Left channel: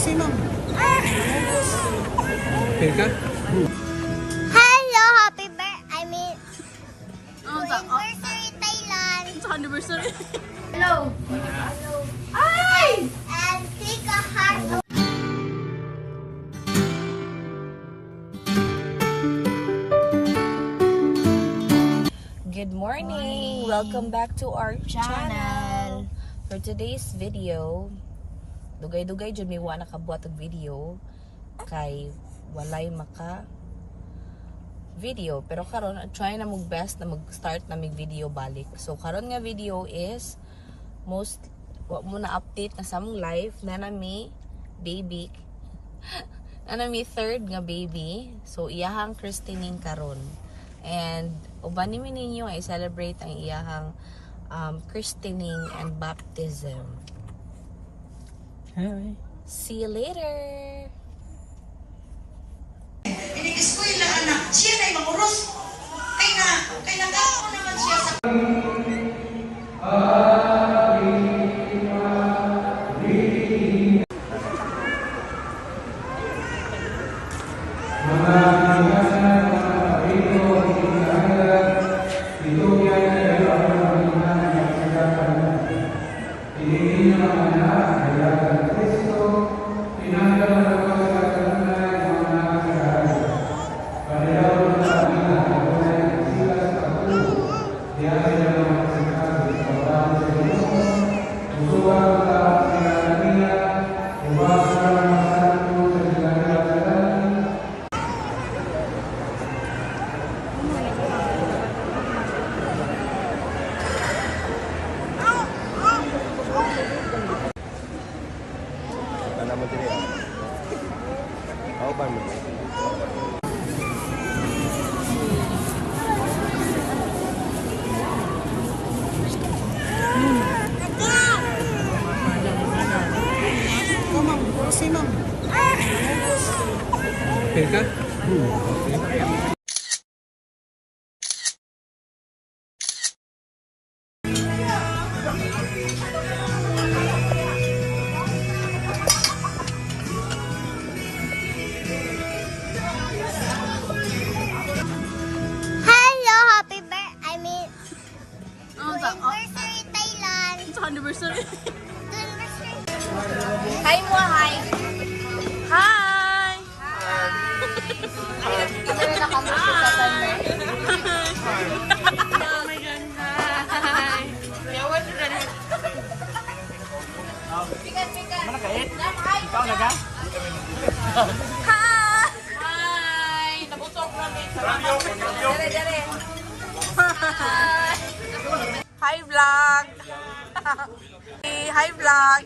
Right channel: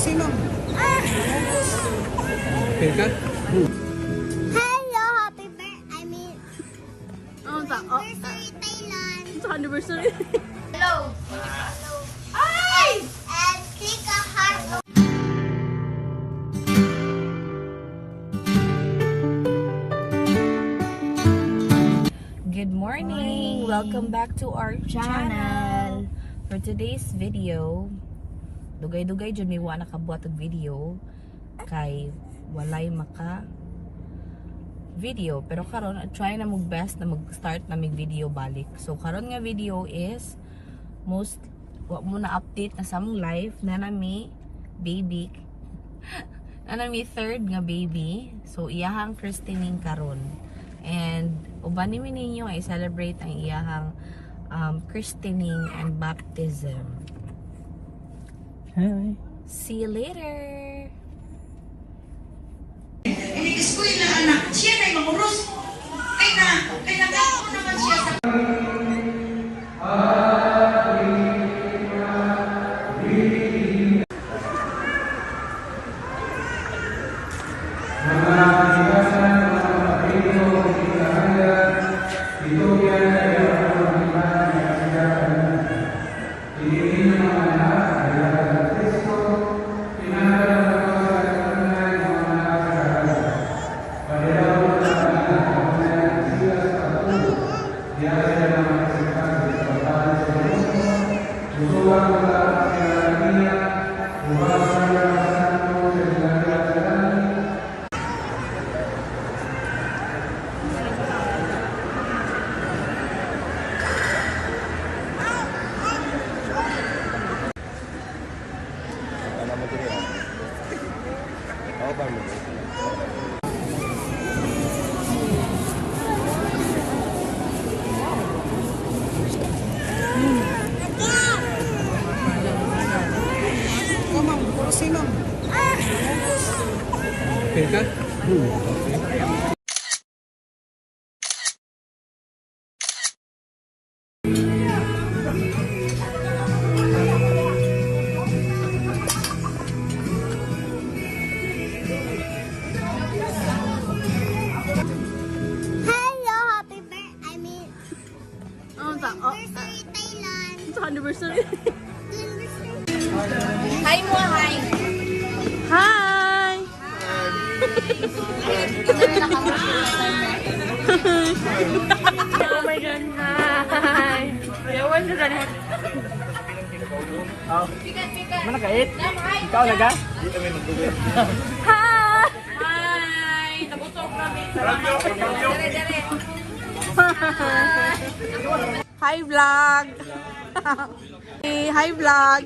Sinong? Okay ka? Hello, happy birthday. I mean, Ano sa? anniversary Thailand. Sa anniversary. Hello. Ay! And click a heart. Good morning! Welcome back to our channel. For today's video, dugay-dugay dyan may wala nakabuhat ang video kay walay maka video. Pero karon try na mong best na mag-start na mig video balik. So karon nga video is most wa mo na update na sa mong life na nami baby na nami third nga baby. So iyahang christening karon. And uban ni ninyo ay celebrate ang iyahang christening and baptism. Hi. See you later. Inikiskuin lang anak. Siya na yung mamuros. Kay nagako naman siya sa... Naman din yan. Ako pa mo. Kamang, sinong? Okay ka? Okay. Hello, happy birthday. I mean, Ano sa? anniversary Thailand. Sa anniversary. Anniversary. Hi mo, hi. Hi. Oh my God, hi. Yawan na rin. Mana kait? Ikaw naga? Hi. Hi. Nabusog namin. Hi vlog. Hi vlog.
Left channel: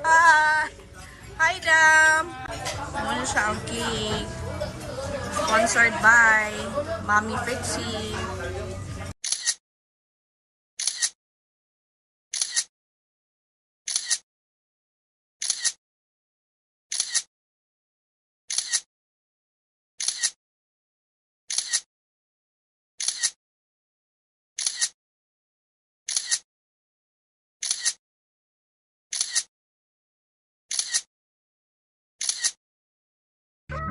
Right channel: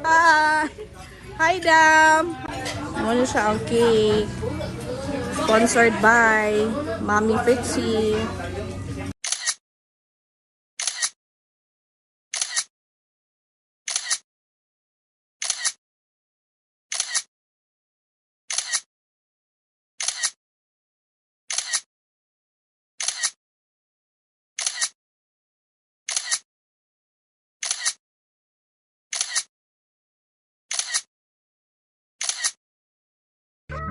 Hi. Hi Dam. Muna siya ang cake. Sponsored by Mommy Fritzy.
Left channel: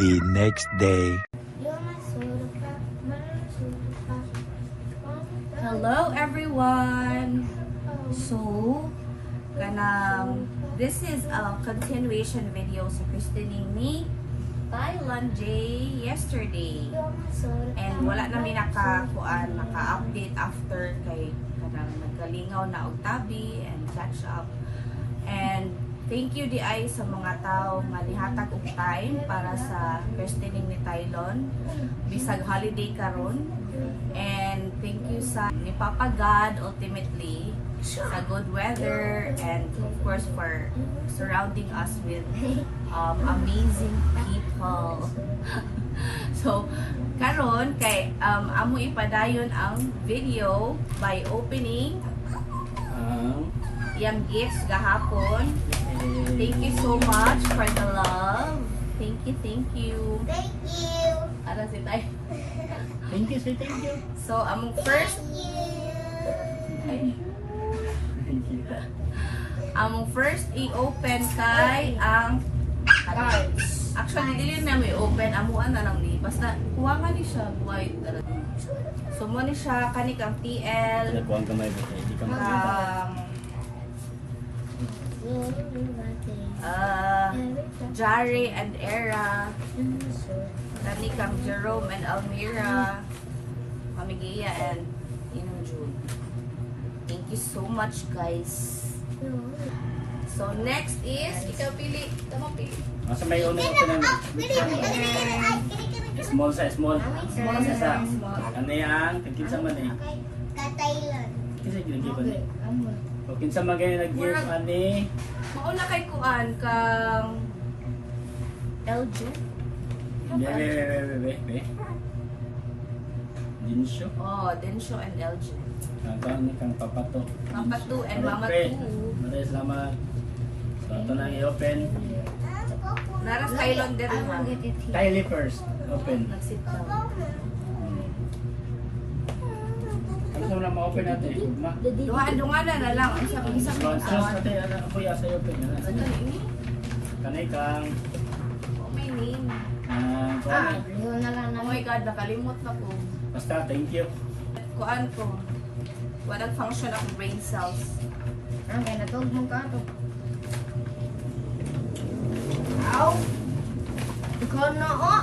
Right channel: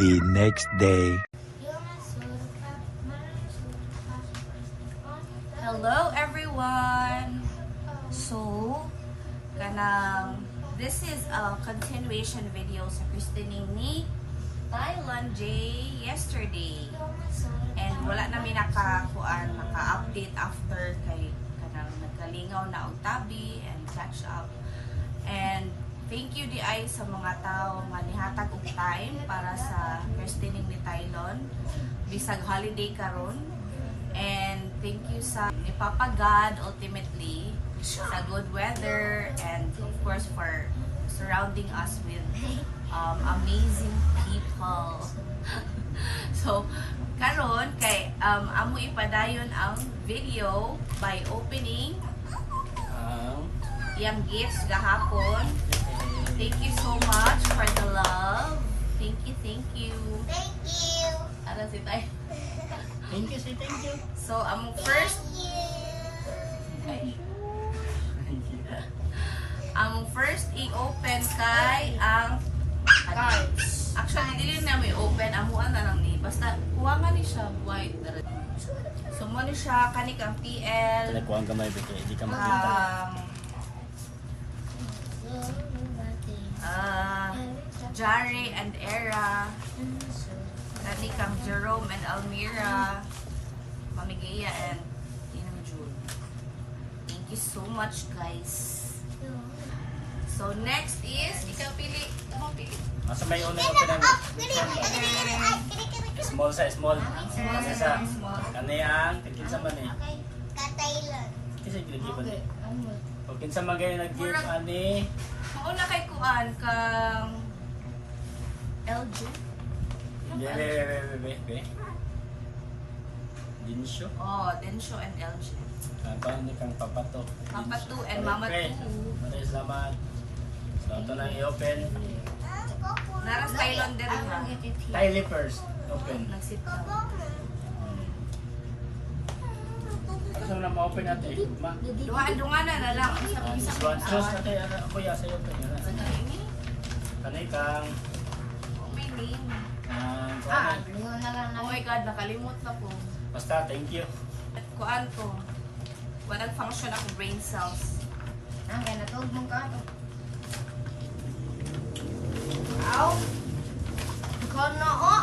The next day. Hello everyone. So, this is a continuation video sa christening ni Thailand Jay yesterday. And wala namin naka-update after kay kanang nagkalingaw na og tabi and catch up. And thank you di ay sa mga tao nga nihatag og time para sa christening ni Tylon bisag holiday karon. And thank you sa ni Papa God ultimately sa good weather and of course for surrounding us with amazing people. So karon kay amo ipadayon ang video by opening yung gifts gahapon. Thank you so much for the love. Thank you, thank you. Thank you. Ara si Tay. Thank you, say thank you. So among first Thank you. ay, Among first i-open kay ang cards. Actually, dili na may open. Amuan na lang ni. Basta, kuha nga ni siya. White. So, mo ni siya. Kani kang TL. Kuhaan ka na ito. Hindi ka Jare and Era. Kani kang Jerome and Almira. Mami Gia and June. Thank you so much, guys. So, next is, ikaw pili. Tama pili. Masa may una ka na small size, small. Small size, small. Ano yan? Kinsa man eh. Thailand. Kasi yun di ba ni? O kinsa man kayo nag-give ani? Mauna kay Kuan kang LG. Be. Dinsyo. Oh, Densho and LG. Kapag ni kang papato. Papa 2 and Mama 2. Maraming salamat. So ito na i-open. Naras Tylon din ha. Kylie first. Open. Nag-sit down. Ano na ma-open natin? Ma? Dungan-dunganan na lang. Isang One sauce awan. natin. Ano po yung sa'yo open? Ano ini? Kanay kang... Oh, may name. kuwan. Oh my God, nakalimot na po. Basta, thank you. Kuan ko. Walang function ako brain cells. Ang kaya natulog mong ka ito. Ow! Ikaw na o!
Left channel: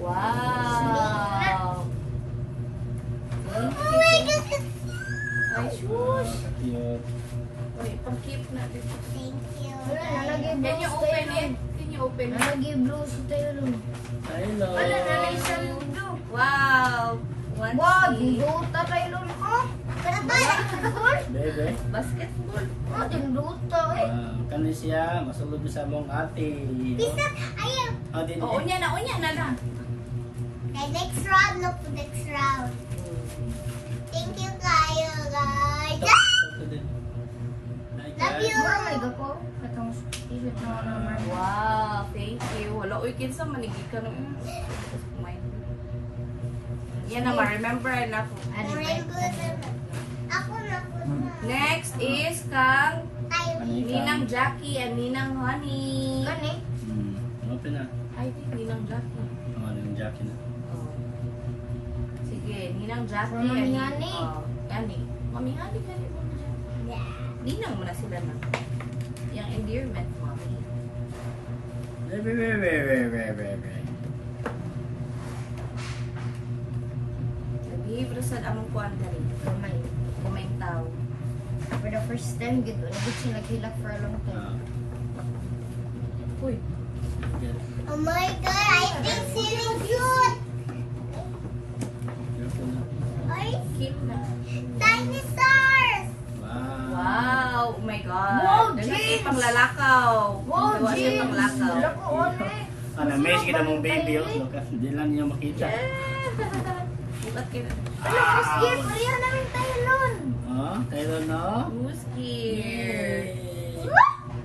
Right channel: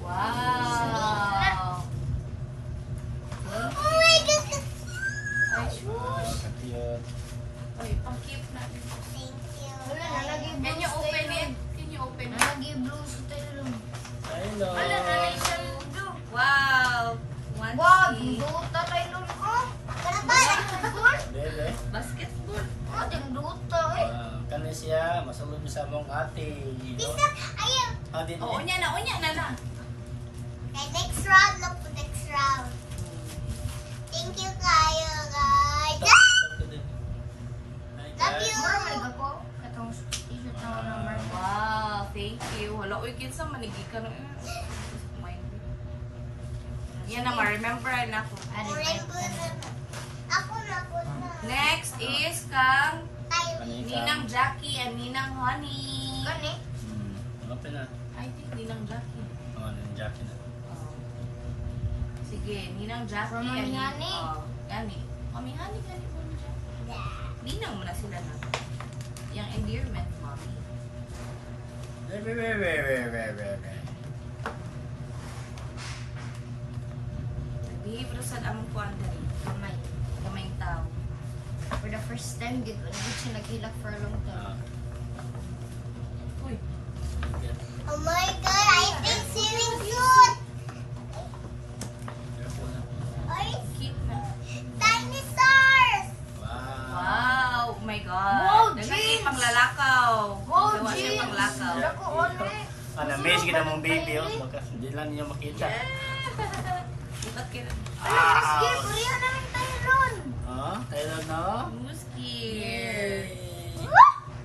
Wow! Oh my God! Ay, shush! Cute. Uy, pang-keep natin. Thank you. Wala na, naging Can you open it? Can you open it? Naging blue sa tayo. Hello. Wala na, naging mundo. Wow! One Wow, C. duta tayo ko. Karapal! Bebe. Basketball. Oh, din duta eh. Kani siya, masulod sa mong ate. Bisa, ayun. Oh, din. Oh, unya na na. Okay, next round na po, next round. Thank you kayo, guys. Love you. Marmay ka ko. Katong t-shirt na ako ng marmay. Wow, thank you. Wala, uy, kinsa manigi ka ng... Yan na, ma-remember na ako. Ano ba? Ako na po na. Next is kang Tayo. Ninang Jackie and Ninang Honey. Kani? Open na. I think Ninang Jackie. Oh, yung jacket na. Oh. Sige, Ninang Jackie From Mami and Honey. Gani. Mami Honey, gani. Mami Jackie. Ninang mo na sila na. Yung endearment, Mami. Bebe. Behave ra sad among kuan diri. Kamay. Kumaing tao. For the first time, gid wala gid siya naghilak for a long time. Uy. Oh my God, I think so cute. Ay, Cute na. dinosaurs. Wow! Oh my God! Wow, Dagan James! kay panglalakaw. Wow, Kaya siya James! panglakaw. Dako on eh. Na-miss kita mong baby. Hindi lang niyo makita. Ba't kaya? Ano, Miss Gibb, ulihan namin tayo nun. Oh, tayo no? Who's here?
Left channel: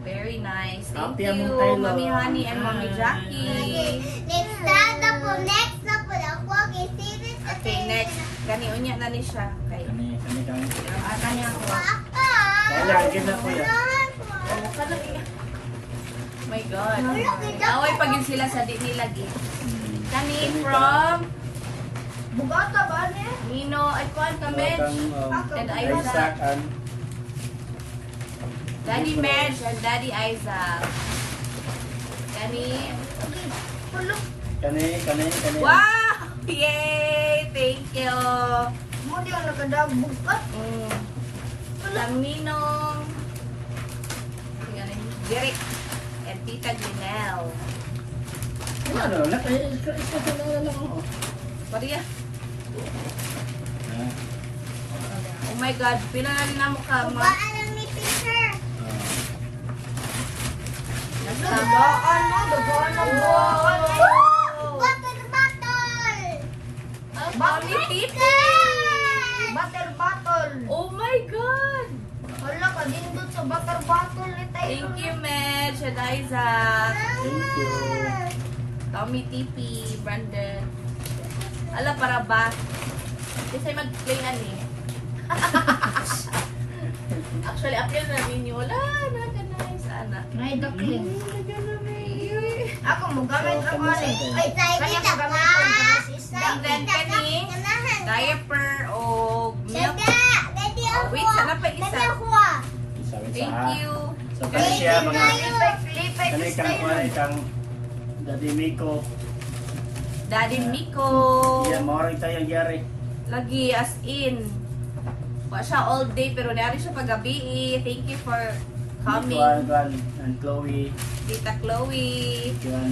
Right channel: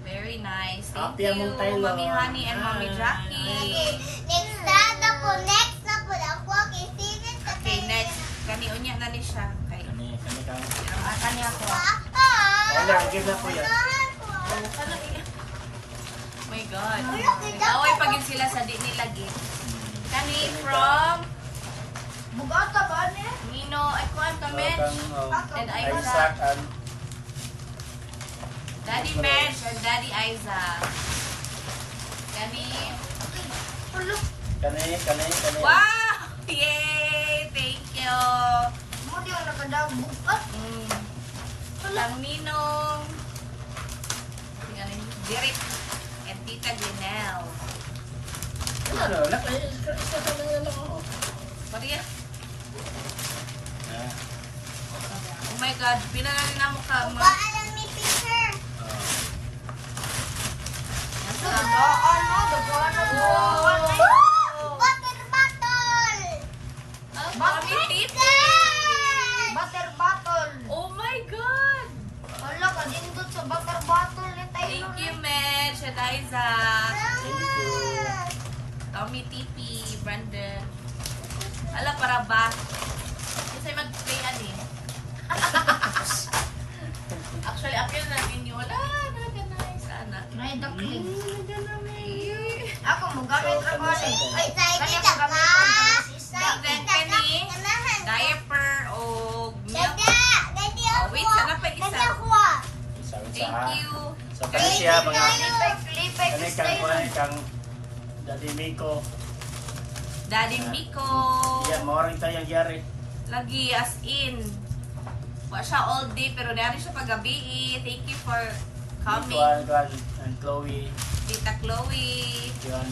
Very nice. Thank Happy you, among Taylor. Mami Honey and Mami Jackie. Next na po. Ako, okay, serious. Okay, next. Gani unya na ni siya. Okay. Kani ka. Akan niya ako. Papa. Kaya, game na po yan. Wala ka na iya. Oh my God. Away pagin sila sa di nila gift. Kani from Bugata ba ne? Nino, ay kuan ka Medj. And Isaac. Isaac and Daddy Medj and Daddy Isaac. Kani. Pulo. Kani. Wow! Yay! Thank you! Mo di ang nakadabugat. Ang Ninong. Derek and Tita Glenelle. Ano, naka-isa lang ako. Maria. Oh my God, pinanan na mo ka, ma. Paalam ni teacher. Nasa Dagaan mo, dagaan ang buwan. Water bottle. Mami Titi! Butter bottle. Oh my God! Wala ka din doon sa butter bottle ni tayo. Thank you, Medj and Isaac. Thank you. Tommy TP, Brandon. Ala, para ba? Kasi mag-play ani. Actually, apil na ninyo. Wala, nice, ana. May duckling. Nagana Ako mo gamit So, ako kamusta ni. kayo? Ay, kanya ko gamit ko. And then, kani, diaper o milk. Oh, wait, sana pa isa. Thank you. So, kasi siya, mga Lipay ko kanay style. kang ikang Daddy Miko. Daddy Miko. Yan, maurang tayo yari. Lagi as in. Wa siya all day pero nari siya paggabi. Thank you for coming, Tuan, and Chloe. Tita Chloe. Yan,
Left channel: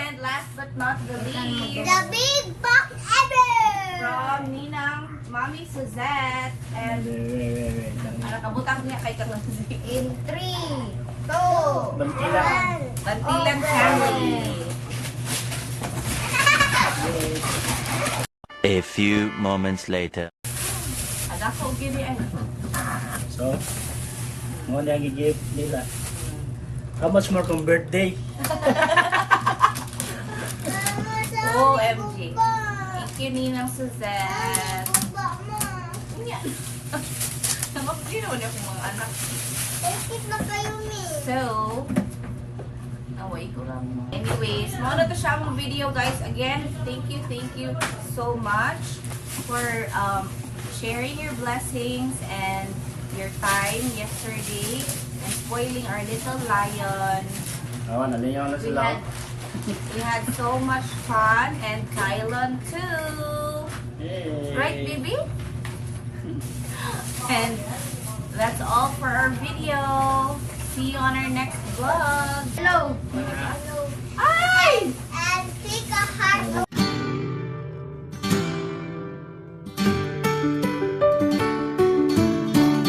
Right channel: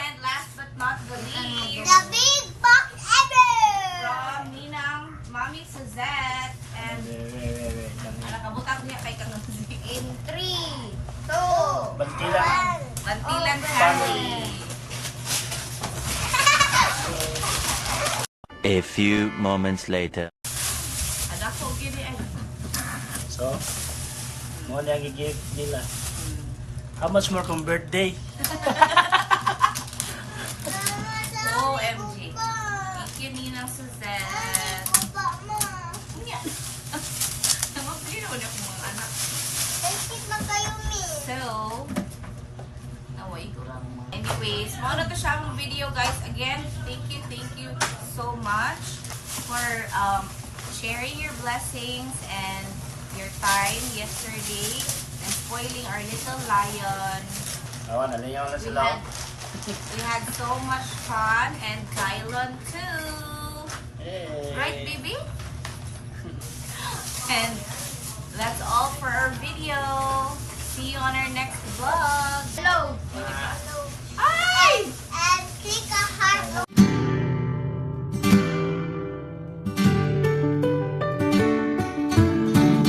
And last but not the least, The big box ever! from Ninang Mommy Suzette and anak kabutang niya kay Kalanzi. In 3, 2, Bantilan. Bantilan family. A few moments later. Anak ko gini ay. So, mo na ang i-gift nila. How much more from birthday? OMG. Thank you Ninang Suzette. Yeah. Namapili naman yung mga anak. Thank na kayo, miss. So, naway ko lang. Anyways, mauna to siya ang video guys. Again, thank you so much for sharing your blessings and your time yesterday and spoiling our little lion. Awa, nalayaw na sila. We had so much fun and Kylan too. Yay. Right, baby? And that's all for our video. See you on our next vlog. Hello. Ay! And click a heart